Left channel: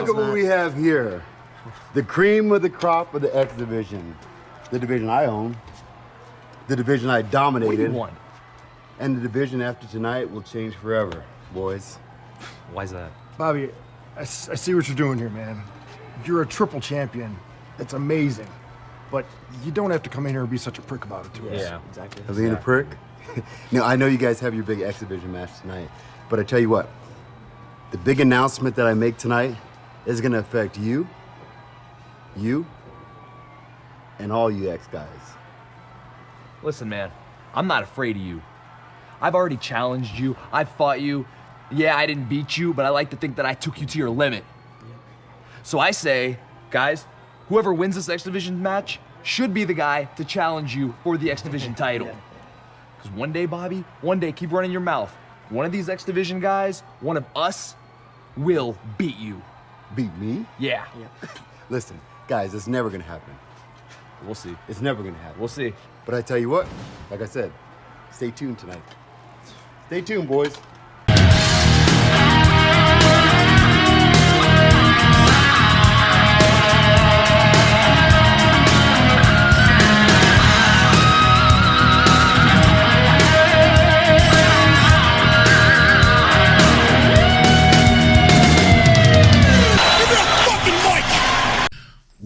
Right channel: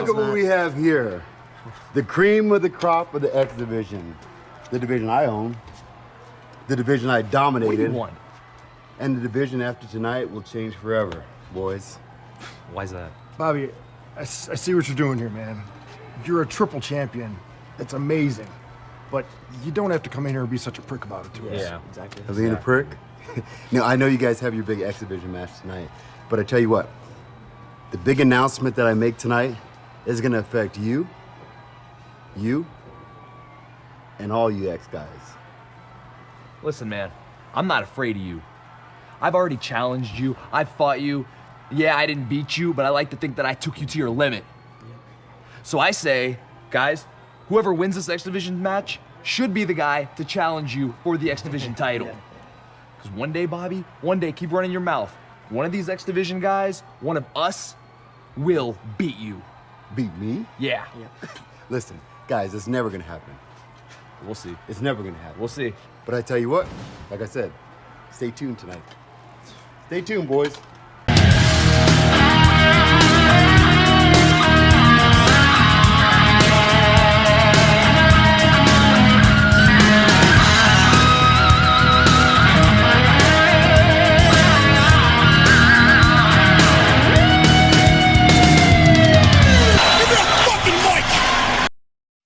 look at what we have here. The cream of the crop of the X division. The division I own. The division I dominated. Won. And the division after tonight will change forever, boys. Why is that? Bobby, I see what you're doing here, man. You're a triple champion. It's amazing. But you don't have to come in here and be such a prick about it to us. Yeah, exactly. Of being a prick? Now, I know you guys have your big X division match tonight, but I tell you what, the big announcement that I make tonight is gonna affect you, and all you X guys. Listen, man, I'm not afraid of you. I've already challenged you. I fought you. Yeah, I didn't beat you, but I like to think that I took you to your limit. So I say, guys, whoever wins this X Division match should be the guy to challenge you for the X Division title. Because one day, Bobby, one day, keep running your mouth. One of these X Division guys, one of us, will beat you. Beat me? Yeah. Listen, guys, it's never gonna happen. We'll see. It's never gonna happen. We'll see. But I tell you what, like I said, stay tuned tonight. Stay tuned, boys.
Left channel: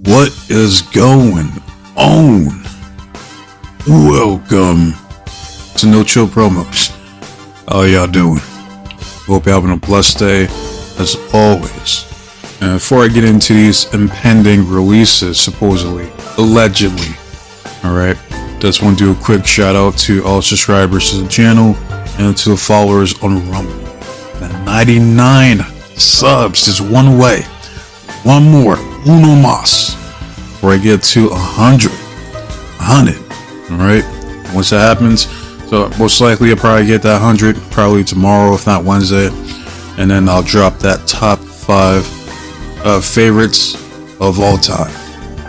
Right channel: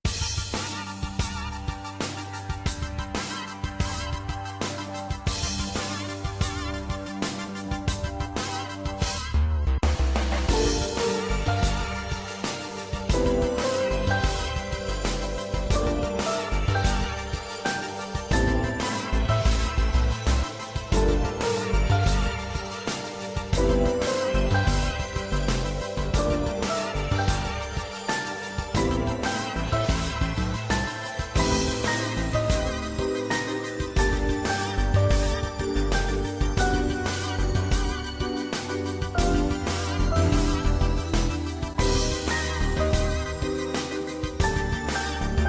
What is going on? Welcome to No Chill Promos. How y'all doing? Hope you're having a blessed day, as always. And before I get into these impending releases, supposedly, allegedly, alright, just want to do a quick shout out to all subscribers to the channel and to the followers on Rumble. And 99 subs is one way. One more, uno mas, before I get to 100, alright? Once that happens, so most likely I'll probably get that 100, probably tomorrow, if not Wednesday, and then I'll drop that top 5 favorites of all time.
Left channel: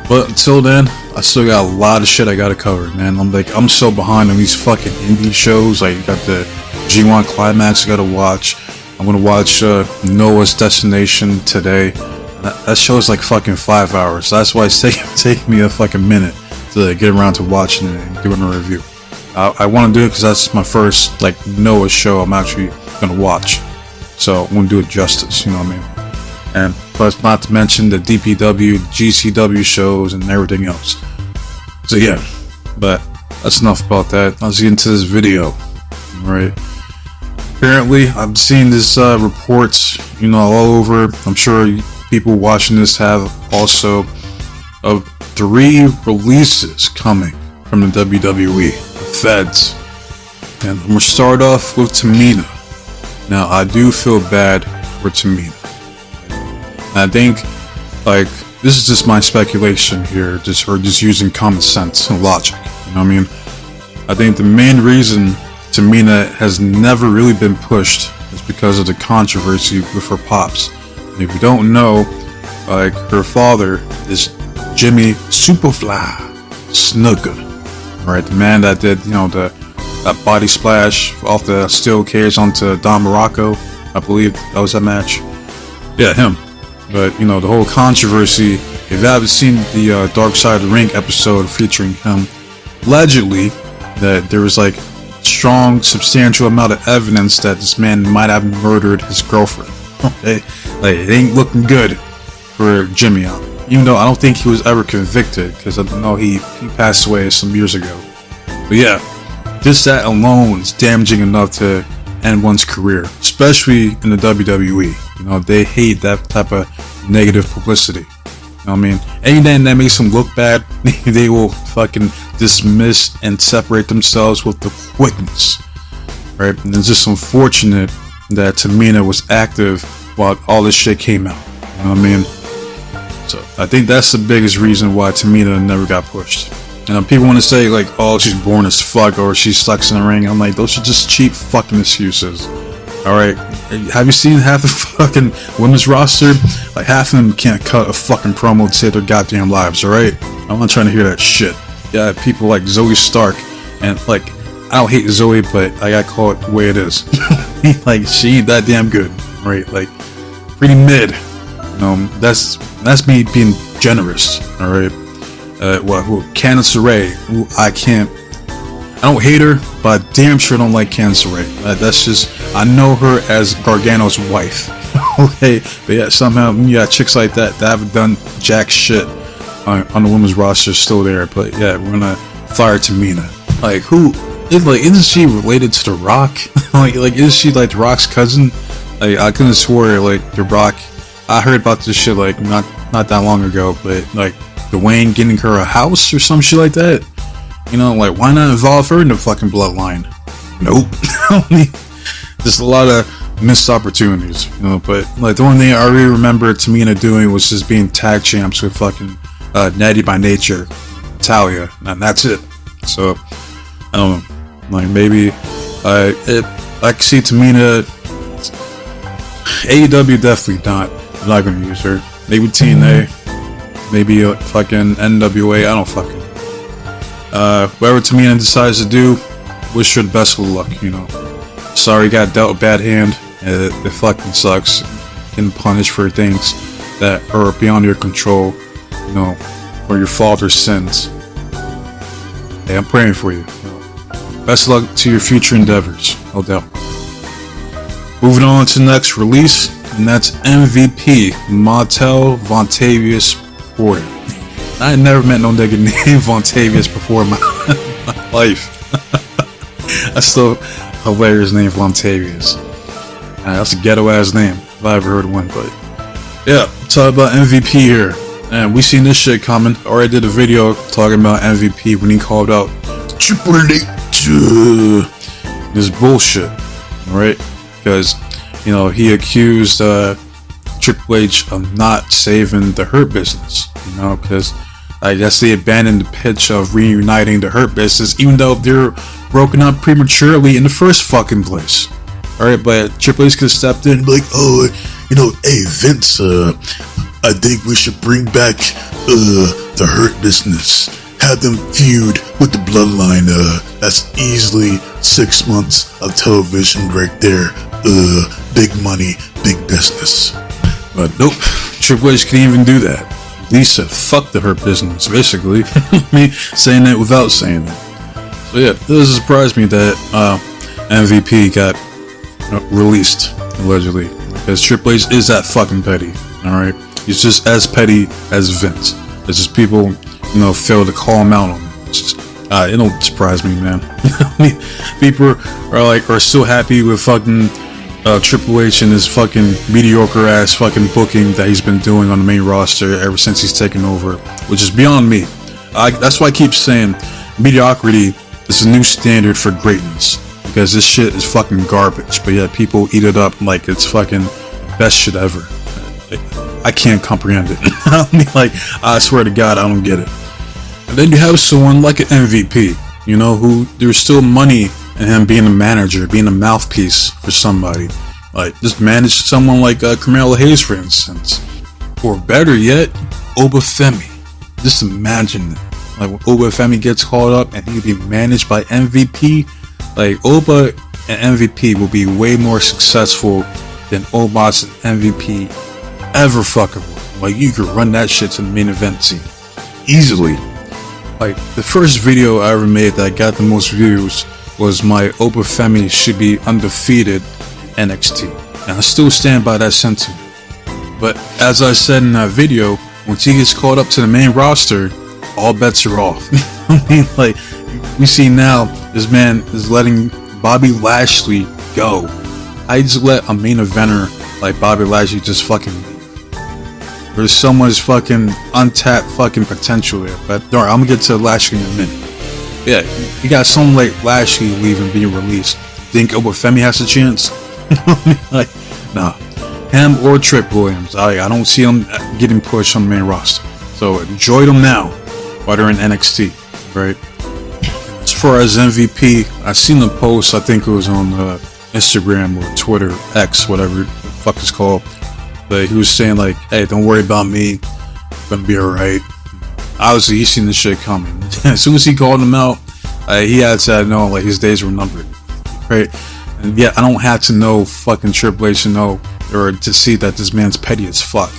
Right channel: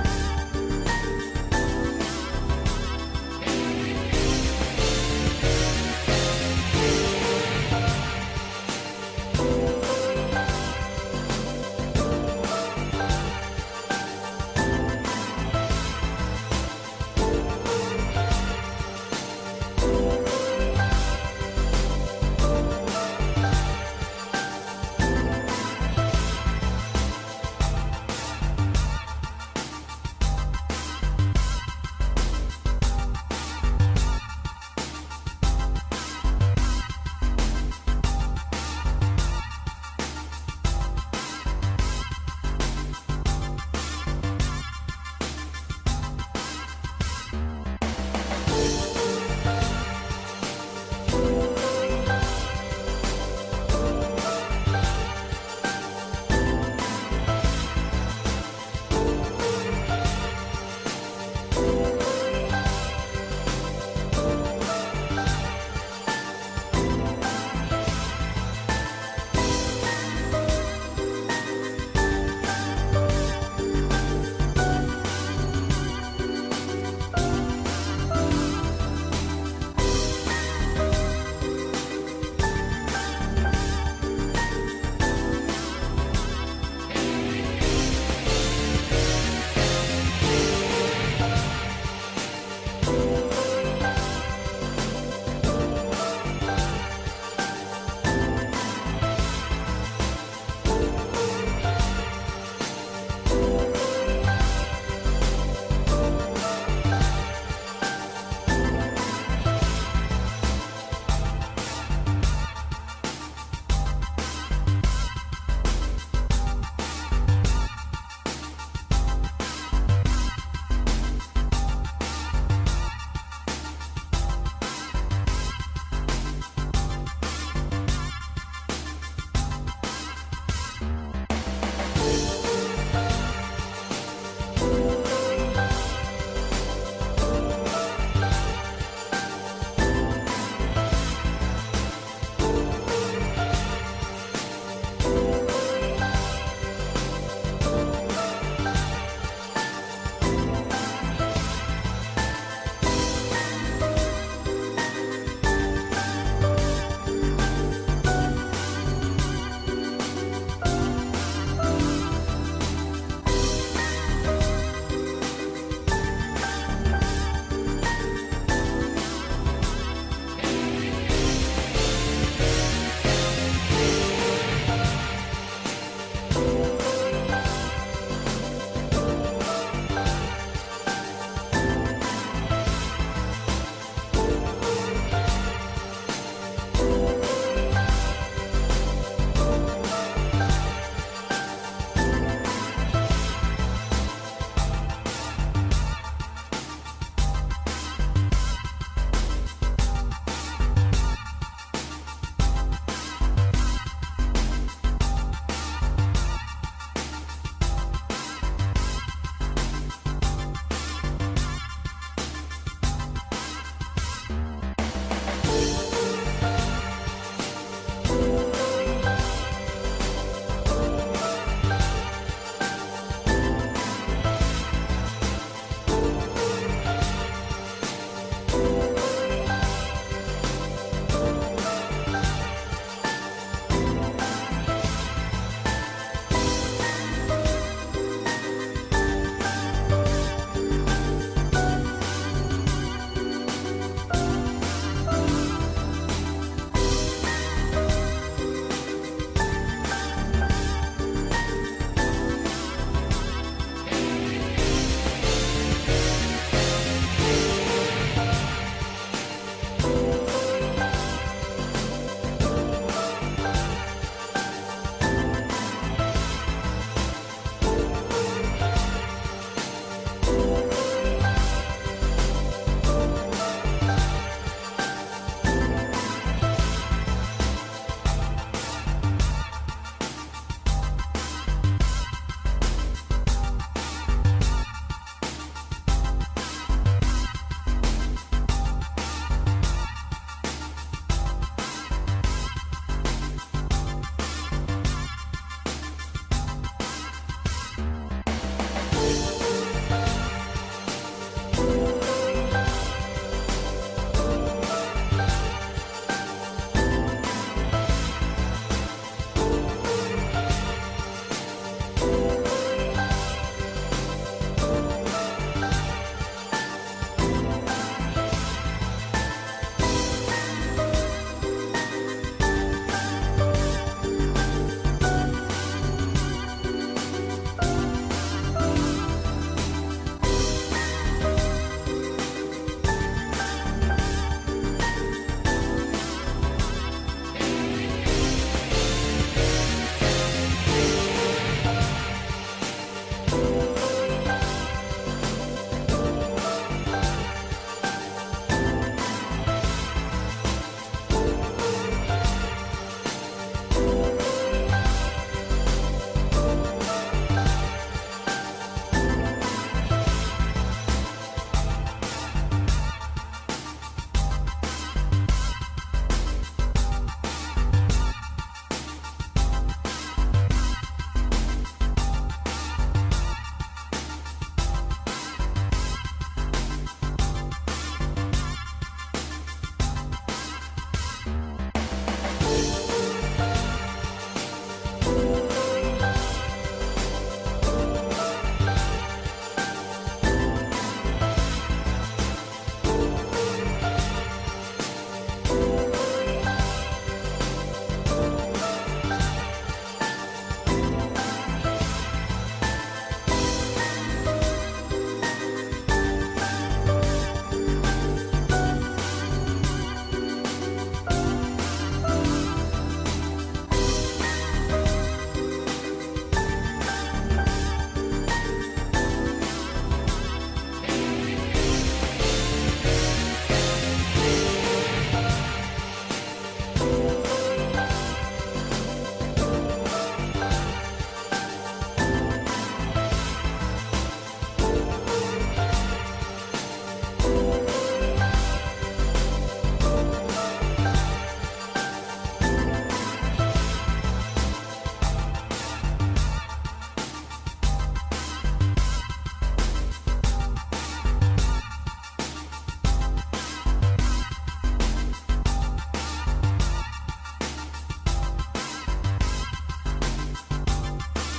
But until then, I still got a lot of shit I gotta cover, man. I'm so behind on these fucking indie shows. Like, you got the G1 Climax I gotta watch. I'm gonna watch Noah's Destination today. That show's like fucking 5 hours. So that's why it's taking me a fucking minute to get around to watching it and doing a review. I want to do it because that's my first like Noah show I'm actually gonna watch. So I'm gonna do it justice, you know what I mean? And plus, not to mention the DPW, GCW shows and everything else. So yeah, but that's enough about that. Let's get into this video. Alright. Apparently, I'm seeing this reports, you know, all over. I'm sure people watching this have also of 3 releases coming from the WWE Feds. And I'm gonna start off with Tamina. Now, I do feel bad for Tamina. I think, like, this is just my speculation here, just using common sense and logic. You know what I mean? I think the main reason Tamina has never really been pushed is because of the controversy with her pops. And if you don't know, like, her father is Jimmy Superfly Snuka, right? The man that did, you know, that body splash off the steel cage onto Don Morocco. I believe that was that match. Yeah, him. But, you know, the whole controversy, if you haven't seen the Dark Side of the Ring episode featuring him, allegedly, that there was, like, strong, substantial amount of evidence that this man might have murdered his girlfriend. It ain't looking good for Jimmy, even though I don't think he was ever convicted, because I know he passed away some years ago. But yeah, just that alone is damaging enough to end one's career, especially in the WWE. You know, they hate that type of negative publicity. You know what I mean? Anything that makes them look bad, they will fucking dismiss and separate themselves with the quickness, right? And it's just unfortunate that Tamina was active while all this shit came out. You know what I mean? So I think that's the biggest reason why Tamina never got pushed. And people want to say like, oh, she's born as fuck or she sucks in the ring. I'm like, those are just cheap fucking excuses. Alright, have you seen half the fucking women's roster? Like, half of them can't cut a fucking promo to save their goddamn lives, alright? I'm not trying to hear that shit. Yeah, people like Zoe Stark, and like, I don't hate Zoe, but I gotta call it the way it is. Like, she ain't that damn good, right? Like, pretty mid. That's me being generous. All right. Candice LeRae, who I don't hate her, but I damn sure don't like Candice LeRae. That's just, I know her as Gargano's wife. Okay, but yeah, somehow you got chicks like that haven't done jack shit on the women's roster still there. But yeah, we're gonna fire Tamina. Like, isn't she related to The Rock? like is she like The Rock's cousin? Like, I couldn't swear like The Rock. I heard about this shit like not that long ago, but like Dwayne getting her a house or some shit like that. You know, like, why not involve her in the fucking bloodline? Nope. Just a lot of missed opportunities, you know. But like, the only thing I really remember Tamina doing was just being tag champs with fucking Natty by Nature, Talia, and that's it. So I don't know, like, maybe I can see Tamina. AEW definitely not gonna use her. Maybe TNA, maybe fucking NWA. I don't fucking. Whatever Tamina decides to do, wish her the best of luck. You know, sorry, got dealt a bad hand. It fucking sucks. Getting punished for things that are beyond your control. You know, or your fault or sins. Hey, I'm praying for you. Best of luck to your future endeavors, no doubt. Moving on to the next release, and that's M.V.P. Montel Vontavious Porter. I ain't never met no nigga named Vontavious before in my life. That's still a hilarious name, Vontavious. That's a ghetto ass name if I ever heard one. But yeah, talk about MVP here. And we seen this shit coming. I already did a video talking about MVP when he called out Triple H. This bullshit, right? Because, you know, he accused Triple H of not saving the Hurt Business, you know, because I guess they abandoned the pitch of reuniting the Hurt Business, even though they're broken up prematurely in the first fucking place. Alright, but Triple H could have stepped in and be like, oh, you know, hey, Vince, I think we should bring back the Hurt Business. Have them feud with the Bloodline. That's easily 6 months of television right there. Big money, big business. But nope, Triple H can't even do that. Lisa, fuck the Hurt Business, basically. Me saying that without saying it. But yeah, it doesn't surprise me that MVP got released, allegedly. Because Triple H is that fucking petty, alright? He's just as petty as Vince. It's just people, you know, fail to call him out on it. It's just, it don't surprise me, man. People are still happy with fucking Triple H and his fucking mediocre ass fucking booking that he's been doing on the main roster ever since he's taken over, which is beyond me. That's why I keep saying mediocrity is a new standard for greatness, because this shit is fucking garbage, but yet people eat it up like it's fucking best shit ever. I can't comprehend it. I mean, like, I swear to God, I don't get it. And then you have someone like an MVP, you know, who there's still money in him being a manager, being a mouthpiece for somebody. Like, just manage someone like Carmelo Hayes, for instance. Or better yet, Obafemi. Just imagine it. Like, when Obafemi gets called up and he'll be managed by MVP, like, Oba and MVP will be way more successful than Omos and MVP ever fucking. Like, you could run that shit to the main event scene easily. Like, the first video I ever made that got the most views was my Obafemi should be undefeated NXT, and I still stand by that sentiment. But as I said in that video, once he gets called up to the main roster, all bets are off. I mean, like, we see now this man is letting Bobby Lashley go. I just let a main eventer like Bobby Lashley just fucking leave. There's so much fucking untapped fucking potential there. But alright, I'm gonna get to Lashley in a minute. Yeah, you got someone like Lashley leaving, being released. Think Obafemi has a chance? Like, nah. Him or Trick Williams. I don't see him getting pushed on the main roster. So enjoy them now while they're in NXT, right? As far as MVP, I seen the post, I think it was on Instagram or Twitter, X, whatever the fuck it's called. But he was saying like, hey, don't worry about me, I'm gonna be alright. Obviously, he's seen this shit coming. As soon as he called him out, he had to know like his days were numbered, right? And yeah, I don't have to know fucking Triple H to know or to see that this man's petty as fuck.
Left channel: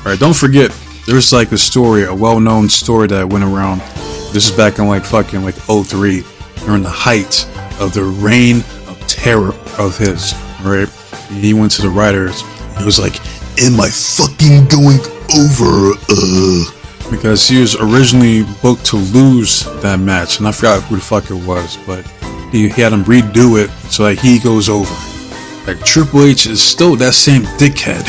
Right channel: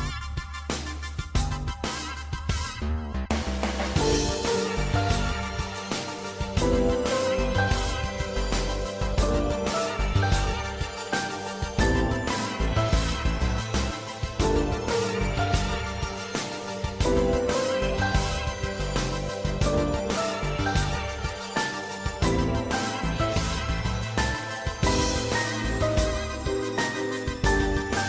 Alright, don't forget, there's like a story, a well-known story that went around. This is back in like fucking like 03, during the height of the reign of terror of his, right? He went to the writers. He was like, "Am I fucking going over?" Because he was originally booked to lose that match, and I forgot who the fuck it was, but he had him redo it so like he goes over. Like Triple H is still that same dickhead,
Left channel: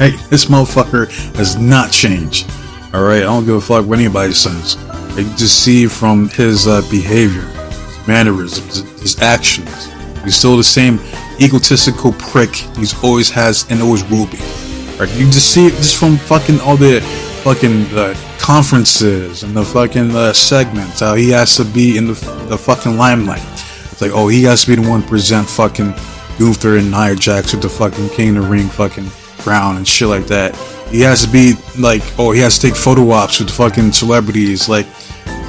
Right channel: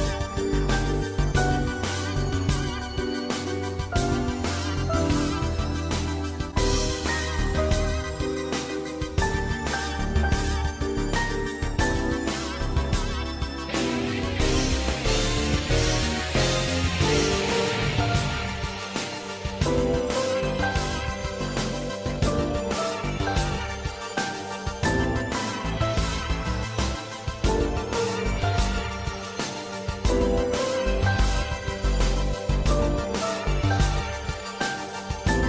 right? This motherfucker has not changed. All right, I don't give a fuck what anybody says. You just see from his behavior, his mannerisms, his actions. He's still the same egotistical prick he's always has and always will be. Right? You just see it just from fucking all the fucking conferences and the fucking segments, how he has to be in the fucking limelight. It's like, oh, he has to be the one to present fucking Gunther and Nia Jax with the fucking King of the Ring fucking crown and shit like that. He has to be like, oh, he has to take photo ops with fucking celebrities. Like,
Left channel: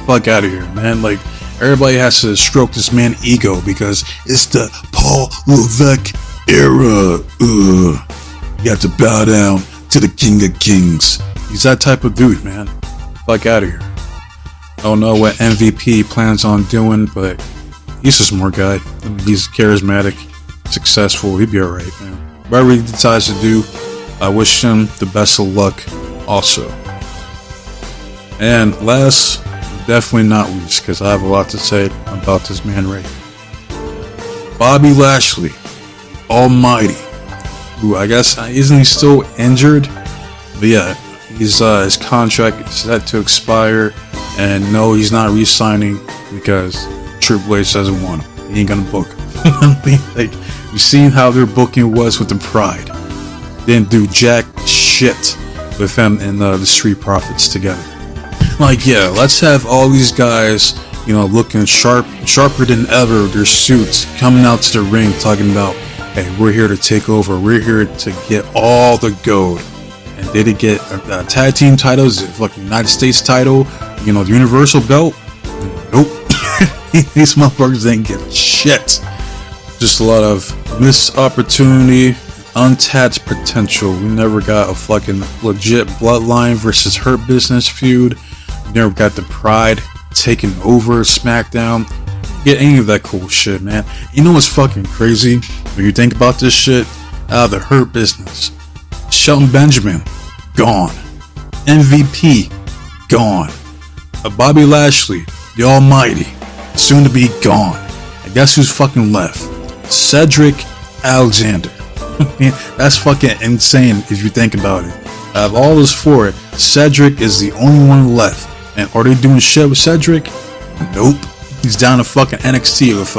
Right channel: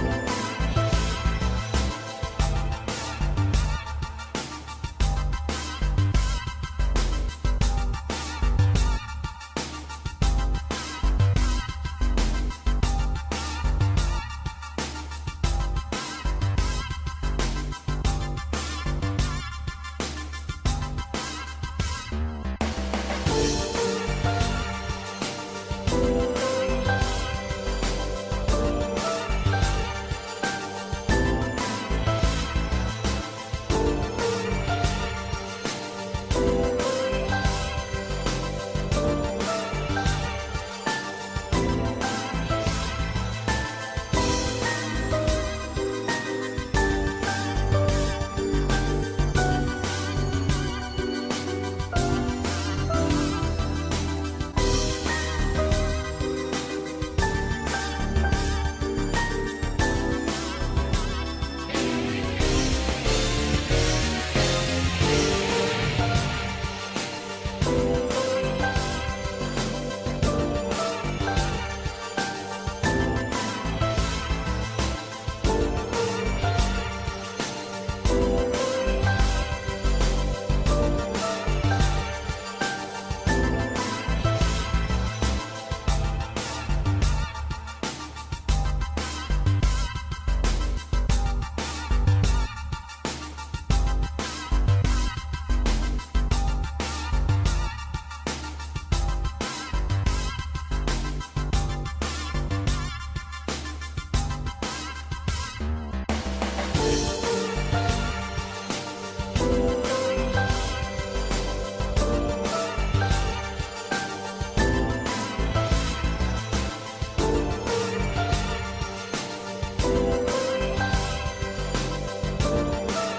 fuck out of here, man. Like, everybody has to stroke this man's ego because it's the Paul Levesque era. You have to bow down to the King of Kings. He's that type of dude, man. Fuck out of here. I don't know what MVP plans on doing, but he's a smart guy. He's charismatic, successful. He'd be alright, man. Whatever he decides to do, I wish him the best of luck also. And last, definitely not least, because I have a lot to say about this man right here. Bobby Lashley, Almighty, who I guess, isn't he still injured? But yeah, his contract is set to expire, and no, he's not re-signing because Triple H doesn't want him. He ain't gonna book him. Like, you seen how their booking was with the Pride. Didn't do jack shit with him and the Street Profits together. Like, yeah, let's have all these guys, you know, looking sharper than ever, their suits, coming out to the ring talking about, hey, we're here to take over, we're here to get all the gold. And did it get tag team titles, like the United States title, you know, the Universal belt? Nope. These motherfuckers ain't get shit. Just a lot of missed opportunity, untapped potential. We never got a fucking legit Bloodline versus Hurt Business feud. We never got the Pride taking over SmackDown. Get any of that cool shit, man. You know what's fucking crazy? When you think about this shit, out of the Hurt Business, Shelton Benjamin, gone. MVP, gone. Bobby Lashley, the Almighty, soon to be gone. And guess who's fucking left? Cedric Alexander. That's fucking insane if you think about it. Out of all this for it, Cedric is the only one left. And are they doing shit with Cedric? Nope. He's down to fucking NXT with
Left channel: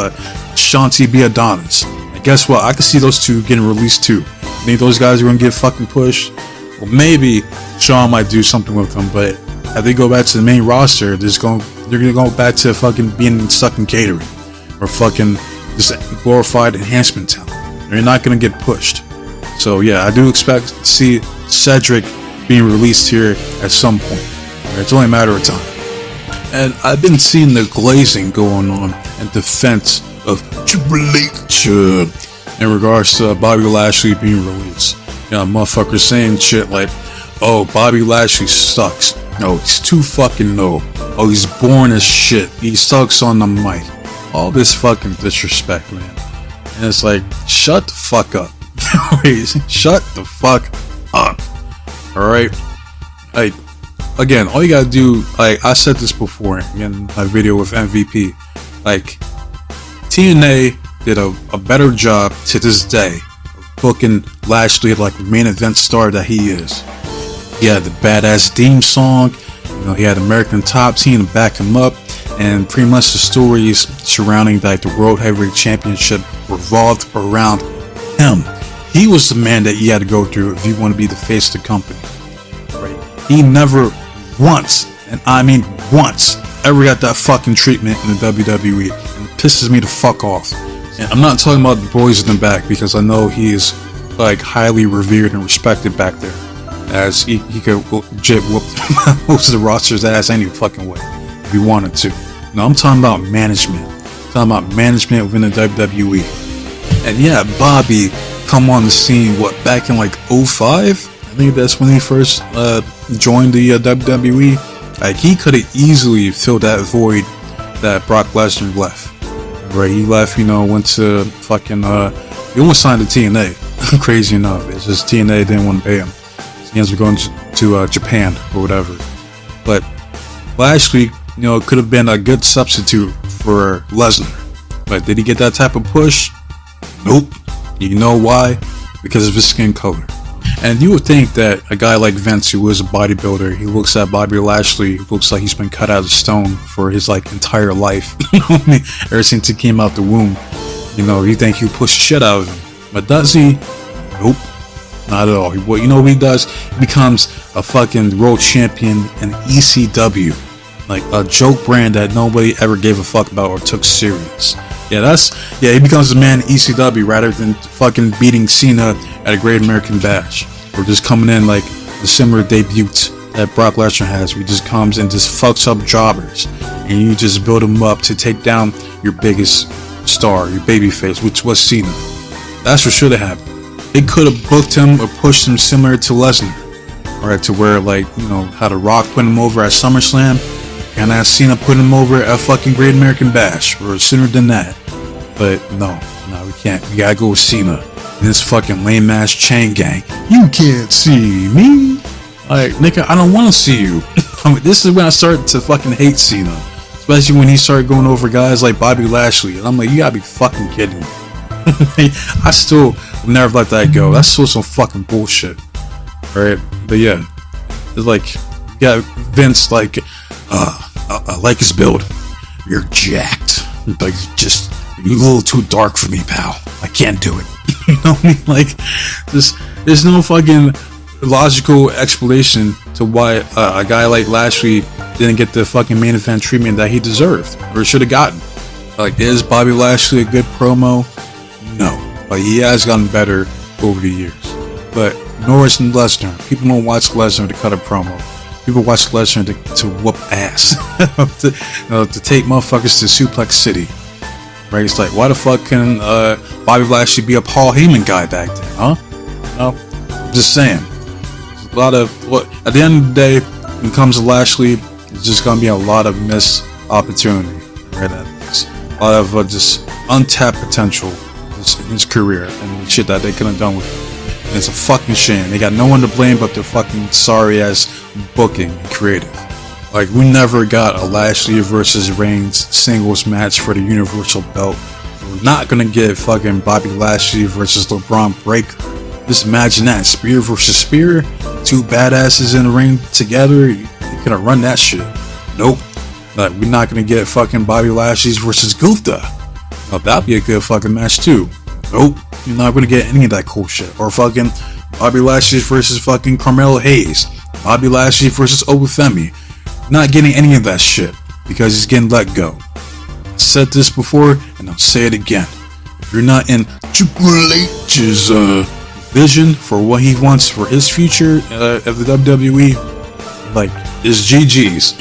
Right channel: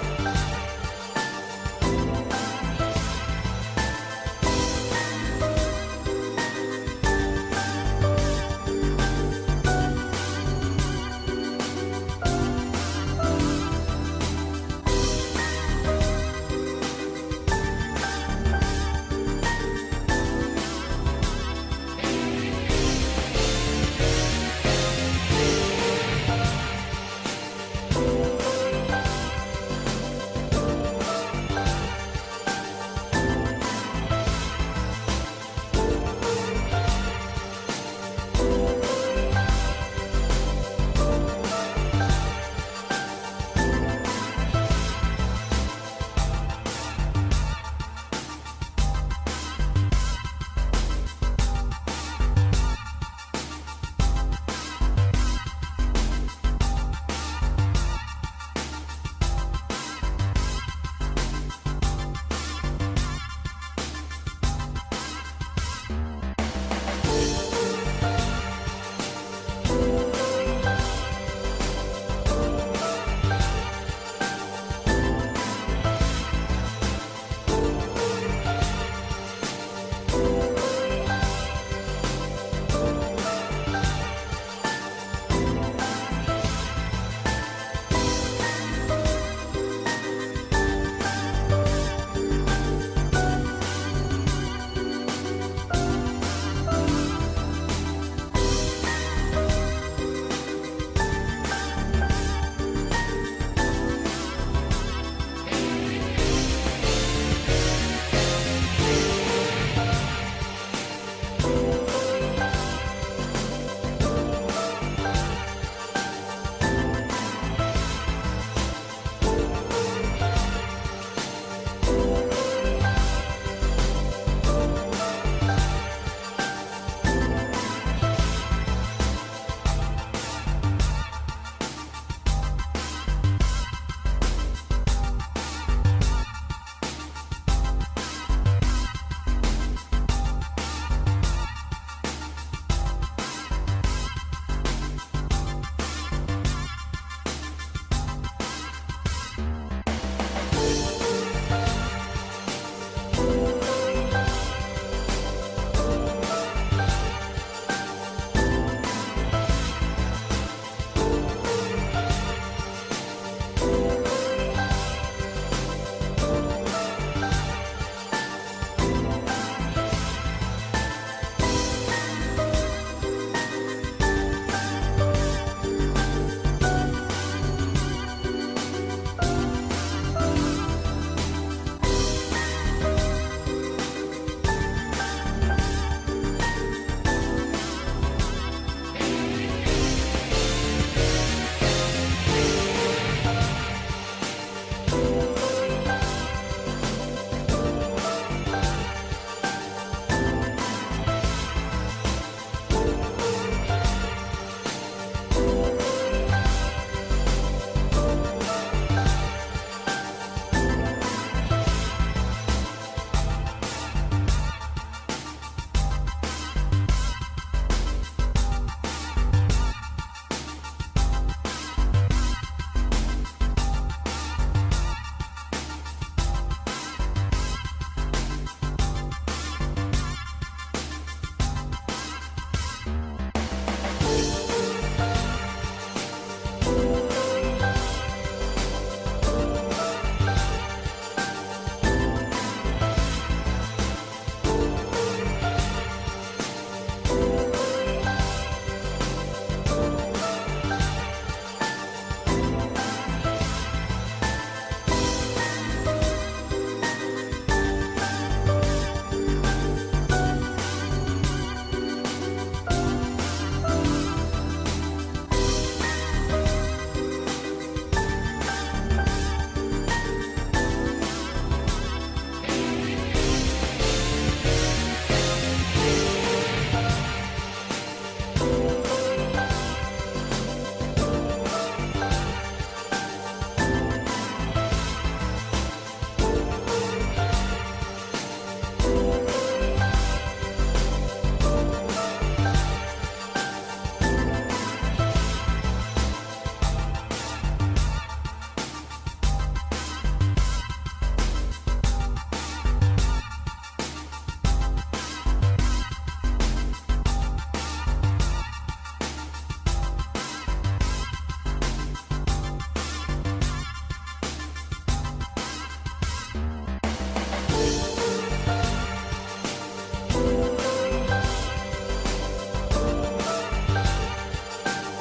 Shanti B. Adonis. And guess what? I can see those two getting released too. Think those guys are gonna get fucking pushed? Well, maybe Shawn might do something with them, but if they go back to the main roster, they're gonna go back to fucking being stuck in catering or fucking just glorified enhancement talent. They're not gonna get pushed. So yeah, I do expect to see Cedric being released here at some point. It's only a matter of time. And I've been seeing the glazing going on in defense of Triple H in regards to Bobby Lashley being released. You know, motherfuckers saying shit like, oh, Bobby Lashley sucks. No, he's too fucking low. Oh, he's boring as shit. He sucks on the mic. All this fucking disrespect, man. And it's like, shut the fuck up. Shut the fuck up. Alright? Like, again, all you gotta do, like, I said this before in my video with MVP. Like, TNA did a better job to this day of booking Lashley like the main event star that he is. He had the badass theme song, you know, he had American Top Team to back him up, and pretty much the stories surrounding like the World Heavyweight Championship revolved around him. He was the man that you had to go through if you want to be the face of the company. He never once, and I mean once, ever got that fucking treatment in the WWE. It pisses me the fuck off. And I'm not talking about the boys in the back because I know he is like highly revered and respected back there. As he could legit whoop most of the roster's ass any fucking way if he wanted to. No, I'm talking about management. I'm talking about management within the WWE. And yeah, Bobby come on the scene, back in like 05? I think that's when he first joined the WWE. Like, he could have easily filled that void that Brock Lesnar left. Right, he left, went to fucking, he almost signed to TNA. Crazy enough, it's just TNA didn't want to pay him. So he ends up going to Japan or whatever. But Lashley, could have been a good substitute for Lesnar. But did he get that type of push? Nope. You know why? Because of his skin color. And you would think that a guy like Vince, who is a bodybuilder, he looks at Bobby Lashley, looks like he's been cut out of stone for his entire life. Ever since he came out the womb, you think he'll push shit out of him. But does he? Nope. Not at all. What he does? He becomes a fucking world champion in ECW. Like a joke brand that nobody ever gave a fuck about or took serious. He becomes a man in ECW rather than fucking beating Cena at a Great American Bash. Or just coming in like the similar debuts that Brock Lesnar has. He just comes and just fucks up jobbers. And you just build him up to take down your biggest star, your babyface, which was Cena. That's what should have happened. They could have booked him or pushed him similar to Lesnar. Right, to where how The Rock put him over at SummerSlam. And I Cena put him over at fucking Great American Bash, or sooner than that. But no, we can't. We gotta go with Cena and this fucking lame ass chain gang. You can't see me. Like, nigga, I don't want to see you. This is when I started to fucking hate Cena, especially when he started going over guys like Bobby Lashley. And I'm like, you gotta be fucking kidding me. I still never let that go. That's still some fucking bullshit. Right? But yeah, it's like, Vince I like his build. You're jacked. Like, you're a little too dark for me, pal. I can't do it. You know what I mean? Like, there's no fucking logical explanation to why a guy like Lashley didn't get the fucking main event treatment that he deserved or should have gotten. Like, is Bobby Lashley a good promo? No. But he has gotten better over the years. But nor is Lesnar. People don't watch Lesnar to cut a promo. People watch Lesnar to whoop ass, to take motherfuckers to Suplex City, right? It's like, why the fuck can Bobby Lashley be a Paul Heyman guy back then, huh? I'm just saying. A lot of at the end of the day, when it comes to Lashley, it's just gonna be a lot of missed opportunity, right? A lot of just untapped potential in his career and shit that they could have done with him. And it's a fucking shame. They got no one to blame but their fucking sorry ass booking and creative. Like, we never got a Lashley versus Reigns singles match for the Universal Belt. We're not gonna get fucking Bobby Lashley versus LeBron Breakker. Just imagine that, spear versus spear, two badasses in the ring together. You couldn't run that shit. Nope. Like, we're not gonna get fucking Bobby Lashley versus Gunther. Now, that'd be a good fucking match too. Nope. You're not gonna get any of that cool shit. Or fucking Bobby Lashley versus fucking Carmelo Hayes. Bobby Lashley versus Obafemi. Not getting any of that shit because he's getting let go. I said this before and I'll say it again. If you're not in Triple H's vision for what he wants for his future of the WWE, like, it's GG's.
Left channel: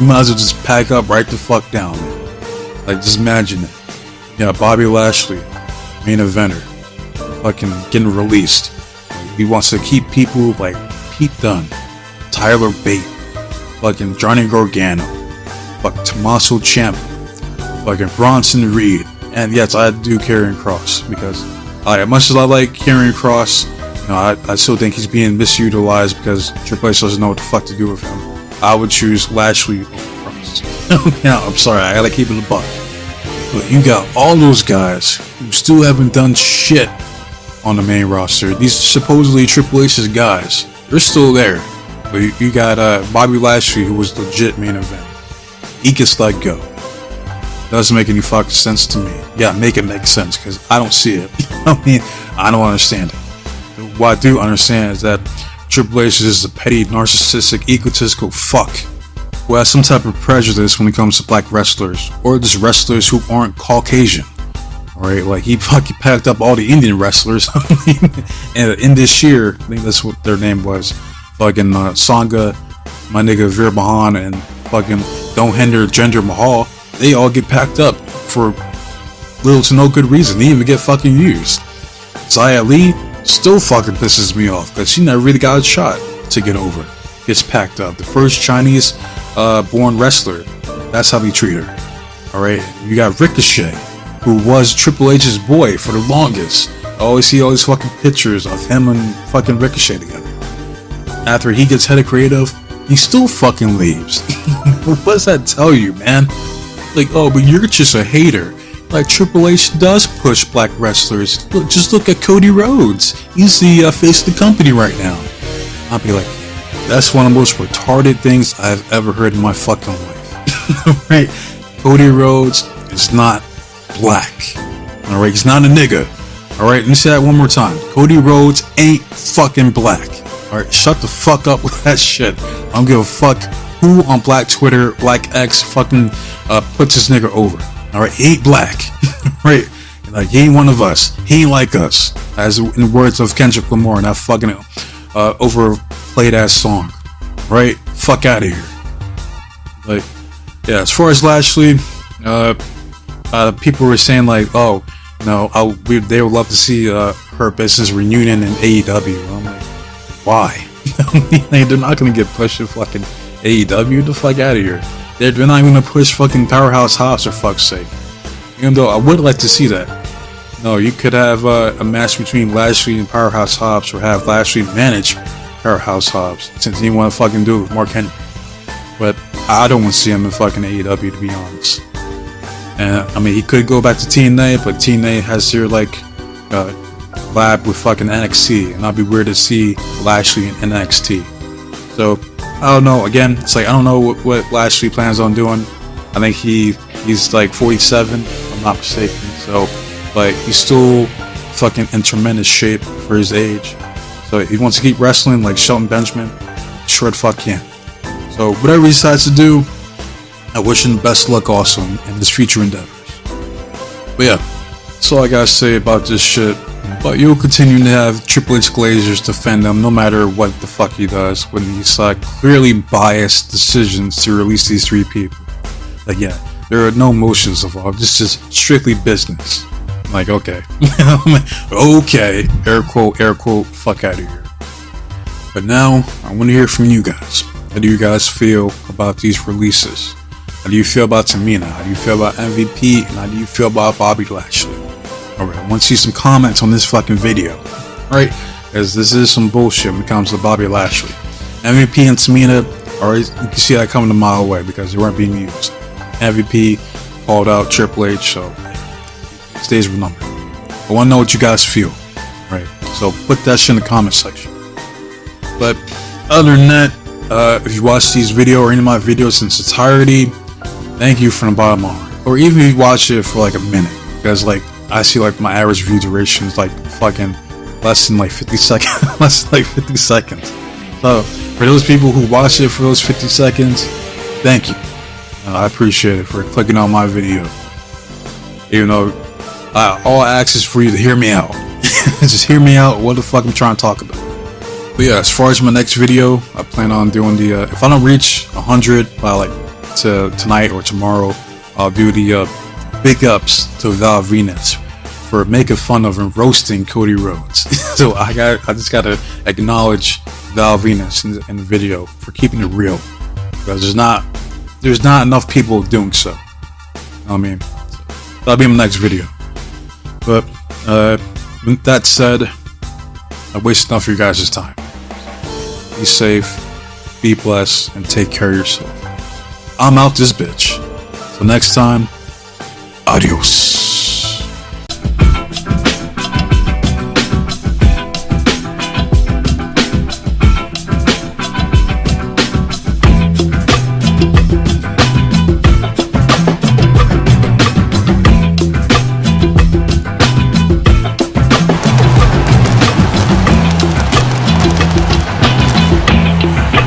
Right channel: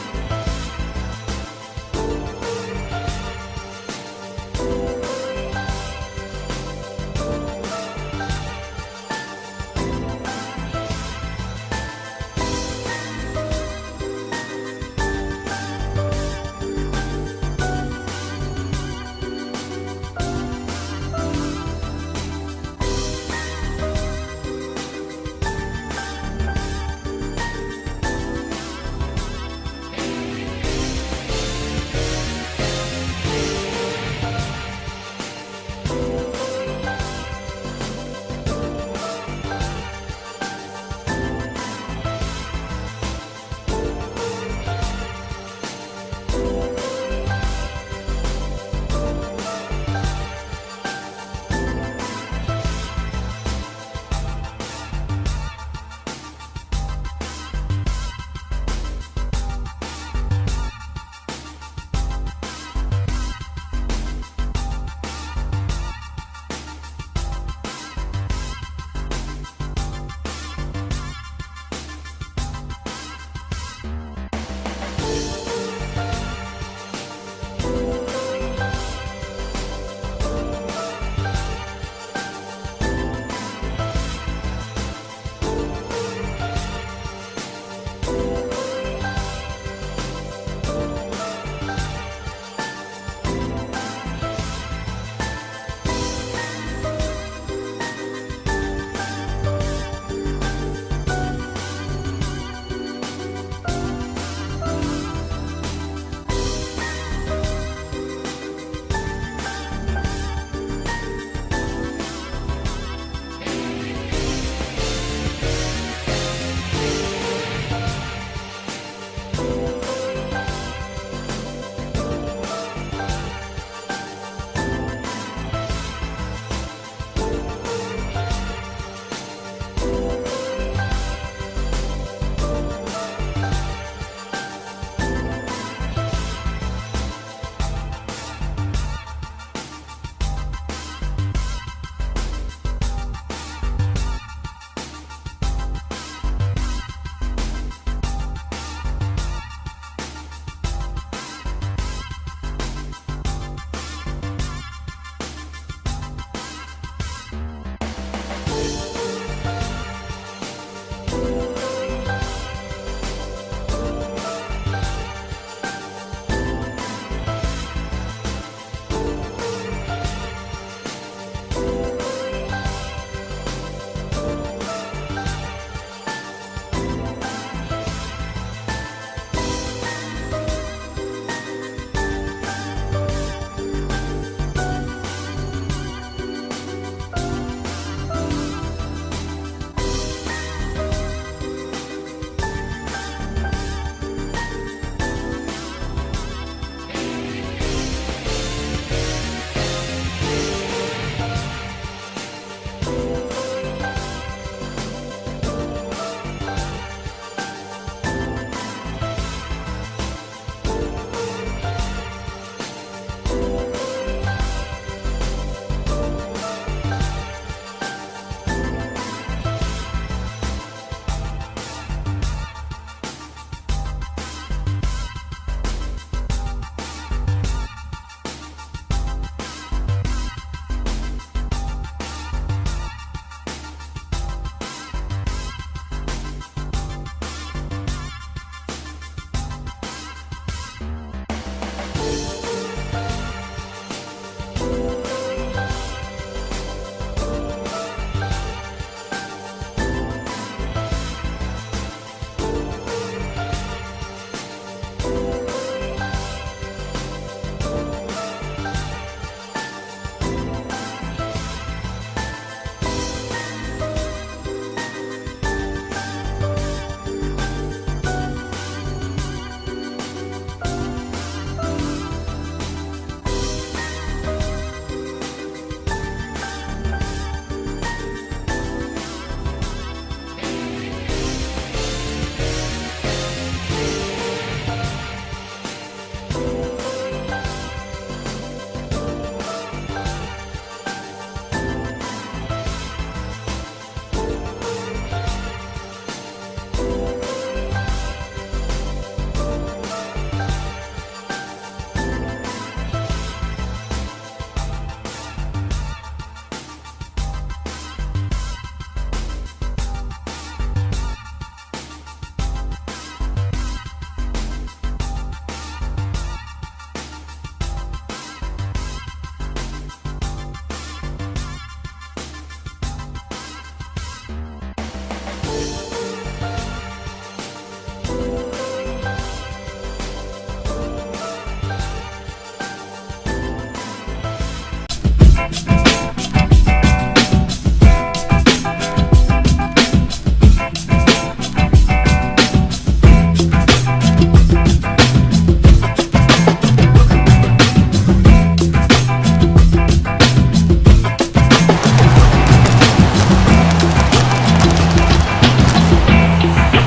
You might as well just pack up right the fuck down. Like, just imagine it. Yeah, Bobby Lashley, main eventer, fucking getting released. He wants to keep people like Pete Dunne, Tyler Bate, fucking Johnny Gargano, fucking Tommaso Ciampa, fucking Bronson Reed, and yes, I do Karrion Kross because as much as I like Karrion Kross, I still think he's being misutilized because Triple H doesn't know what the fuck to do with him. I would choose Lashley. Yeah, I'm sorry, I gotta keep it in the buck. But you got all those guys who still haven't done shit on the main roster. These supposedly Triple H's guys, they're still there. But you got Bobby Lashley, who was legit main event. He gets let go. Doesn't make any fucking sense to me. Yeah, make it make sense, because I don't see it. I mean, I don't understand it. What I do understand is that Triple H is a petty, narcissistic, egotistical fuck who has some type of prejudice when it comes to black wrestlers, or just wrestlers who aren't Caucasian. Right, like he fucking packed up all the Indian wrestlers, and in this year, I think that's what their name was, fucking Sangha, my nigga Veer Mahan, and fucking Don't Hinder Jinder Mahal. They all get packed up for little to no good reason. They even get fucking used. Zaya Lee still fucking pisses me off because she never really got a shot to get over. Gets packed up. The first Chinese born wrestler. That's how we treat her. Alright? You got Ricochet, who was Triple H's boy for the longest. I always see all these fucking pictures of him and fucking Ricochet together. After he gets head of creative, he still fucking leaves. What does that tell you, man? Like, oh, but you're just a hater. Like, Triple H does push black wrestlers. Look, just look at Cody Rhodes. He's the face of the company right now. I'll be like, that's one of the most retarded things I've ever heard in my fucking life. Right? Cody Rhodes is not black. Alright? He's not a nigga. Alright? Let me say that one more time. Cody Rhodes ain't fucking black. Alright? Shut the fuck up with that shit. I don't give a fuck who on black Twitter, like X, fucking puts this nigga over. Alright? He ain't black. Right? Like, he ain't one of us. He ain't like us. As in the words of Kendrick Lamar in that fucking overplayed ass song. Right? Fuck out of here. Like, yeah, as far as Lashley, people were saying like, oh, you know, they would love to see her business reunion in AEW. I'm like, why? They're not gonna get pushed to fucking AEW. The fuck out of here. They're not even gonna push fucking Powerhouse Hobbs for fuck's sake. Even though I would like to see that. No, you could have a match between Lashley and Powerhouse Hobbs, or have Lashley manage Powerhouse Hobbs, since he want to fucking do it with Mark Henry. But I don't want to see him in fucking AEW, to be honest. And I mean, he could go back to TNA, but TNA has their like lab with fucking NXT, and I'd be weird to see Lashley in NXT. So I don't know. Again, it's like I don't know what Lashley plans on doing. I think he's like 47, if I'm not mistaken. So like he's still fucking in tremendous shape for his age. So if he wants to keep wrestling like Shelton Benjamin, sure the fuck can. So whatever he decides to do, I wish him best luck also in his future endeavors. But yeah, that's all I gotta say about this shit. But you'll continue to have Triple H Glazers defend him no matter what the fuck he does when he's like clearly biased decisions to release these three people. Like, yeah, there are no emotions involved. This is strictly business. Like, okay. Okay. Air quote, fuck out of here. But now, I want to hear from you guys. How do you guys feel about these releases? How do you feel about Tamina? How do you feel about M.V.P? And how do you feel about Bobby Lashley? Alright, I want to see some comments on this fucking video. Right? Because this is some bullshit when it comes to Bobby Lashley. M.V.P. and Tamina, alright, you can see that coming a mile away because they weren't being used. M.V.P. called out Triple H, so stays with number. I want to know what you guys feel. Right? So put that shit in the comment section. But other than that, if you watch these videos or any of my videos in its entirety, thank you from the bottom of my heart. Or even if you watch it for like a minute, because like I see like my average view duration is like fucking less than like 50 seconds. Less than like 50 seconds. So for those people who watch it for those 50 seconds, thank you. I appreciate it for clicking on my video. Even though all I ask is for you to hear me out. Just hear me out what the fuck I'm trying to talk about. But yeah, as far as my next video, I plan on doing the if I don't reach 100 by like tonight or tomorrow, I'll do the big ups to Val Venus for making fun of and roasting Cody Rhodes. So I just gotta acknowledge Val Venus in the video for keeping it real, because there's not enough people doing so. I mean, that'll be in my next video. But with that said, I wasted enough of you guys' time. Be safe, be blessed, and take care of yourself. I'm out this bitch. Till next time, adios.